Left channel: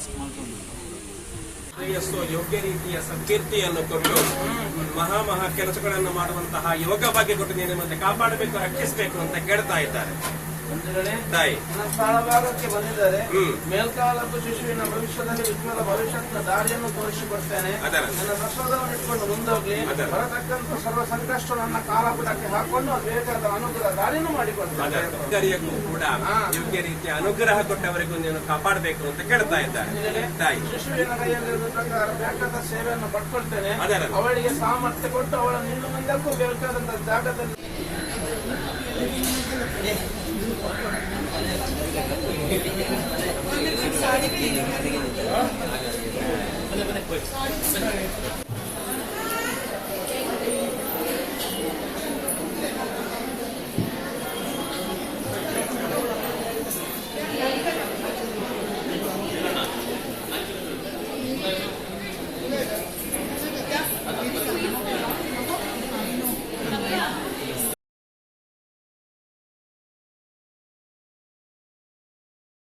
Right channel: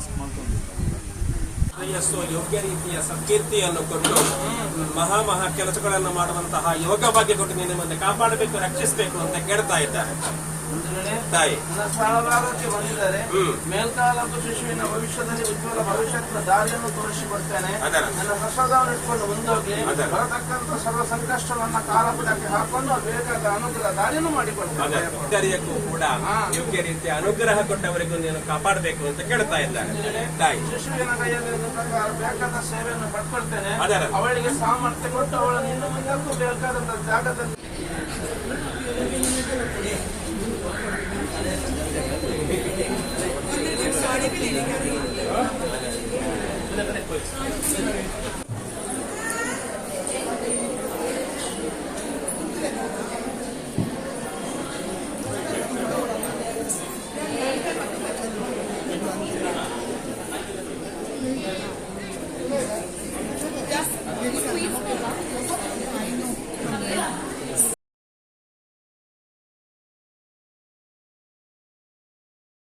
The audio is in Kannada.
ಟಾಸ್ಕ್ ಮಾಡ್ಕೊಂಡು ಶ್ರೇಯಸ್ಸು ಯೋಗ್ಯ ರೀತಿಯ ಸಂಕೀರ್ತಿಯನ್ನು ಕೊಟ್ಟು ಮಹಾ ಕೆಲಸಗಳನ್ನು ಮಾಡುವಂತಹ ಯೋಗ ಭಾಗ್ಯ ಕೊಟ್ಟು ನಿನ್ನ ಮತ್ತೆ ಕಾಪಾಡಬೇಕು, ರಕ್ಷಿಸಬೇಕು ಅಂತ ಕೇಳ್ತಾ ಇದ್ದಾರೆ ತಾಯಿ. ನನ್ನ ಸ್ಥಳಭಾಗಕ್ಕೆ ಬಂದಿದ್ದಾರೆ. ಮೇಲ್ಕಾಲపు ಶಿಶುವಿನ ಭವಿಷ್ಯದಲ್ಲಿ ಉಜ್ವಲ ಭವಿಷ್ಯದ ದಾರಿಯನ್ನು ತೋರಿಸಿಕೊಡ್ತೇನೆ. ನನ್ನ ಪ್ರಸಾದವನ್ನು ಇಟ್ಕೊಂಡು ಮುಂದೋಗಿ ಬರತಕ್ಕಂಥ ಸರ್ವ ಸಂಕಷ್ಟವನ್ನ ಕಾಲಪುಟಕ್ಕೆ ಹಾಕೊಂಡು ಬೇಕಾದ ಅನುಗ್ರಹ ದಾರಿಯನ್ನು ಮಾಡಿಕೊಡ್ತೇನೆ. ಕೂಡ ಯೋಗ್ಯ ರೀತಿಯ ಅನುಗ್ರಹ ಕೊಟ್ಟವರಿಗೂ ನೀನು ಕಾಪಾಡಬೇಕು ಅಂತ ಕೇಳ್ತಾ ಇದ್ದಾರೆ ತಾಯಿ. ಶಿಶುವಿನ ಕೈಯಲ್ಲಿ ಬೇಕಾದ ಸೇವೆಯನ್ನು ಪಡ್ಕೊಳ್ತೇನೆ. ಅವಳಿಗೆ ಸಾಮರ್ಥ್ಯ ಕೊಟ್ಟು ಅವಳನ್ನು ಇನ್ನು ಮುಂದಕ್ಕೂ ಬೇಕಾದಂತ ಜಾಗದಲ್ಲಿ Thank you.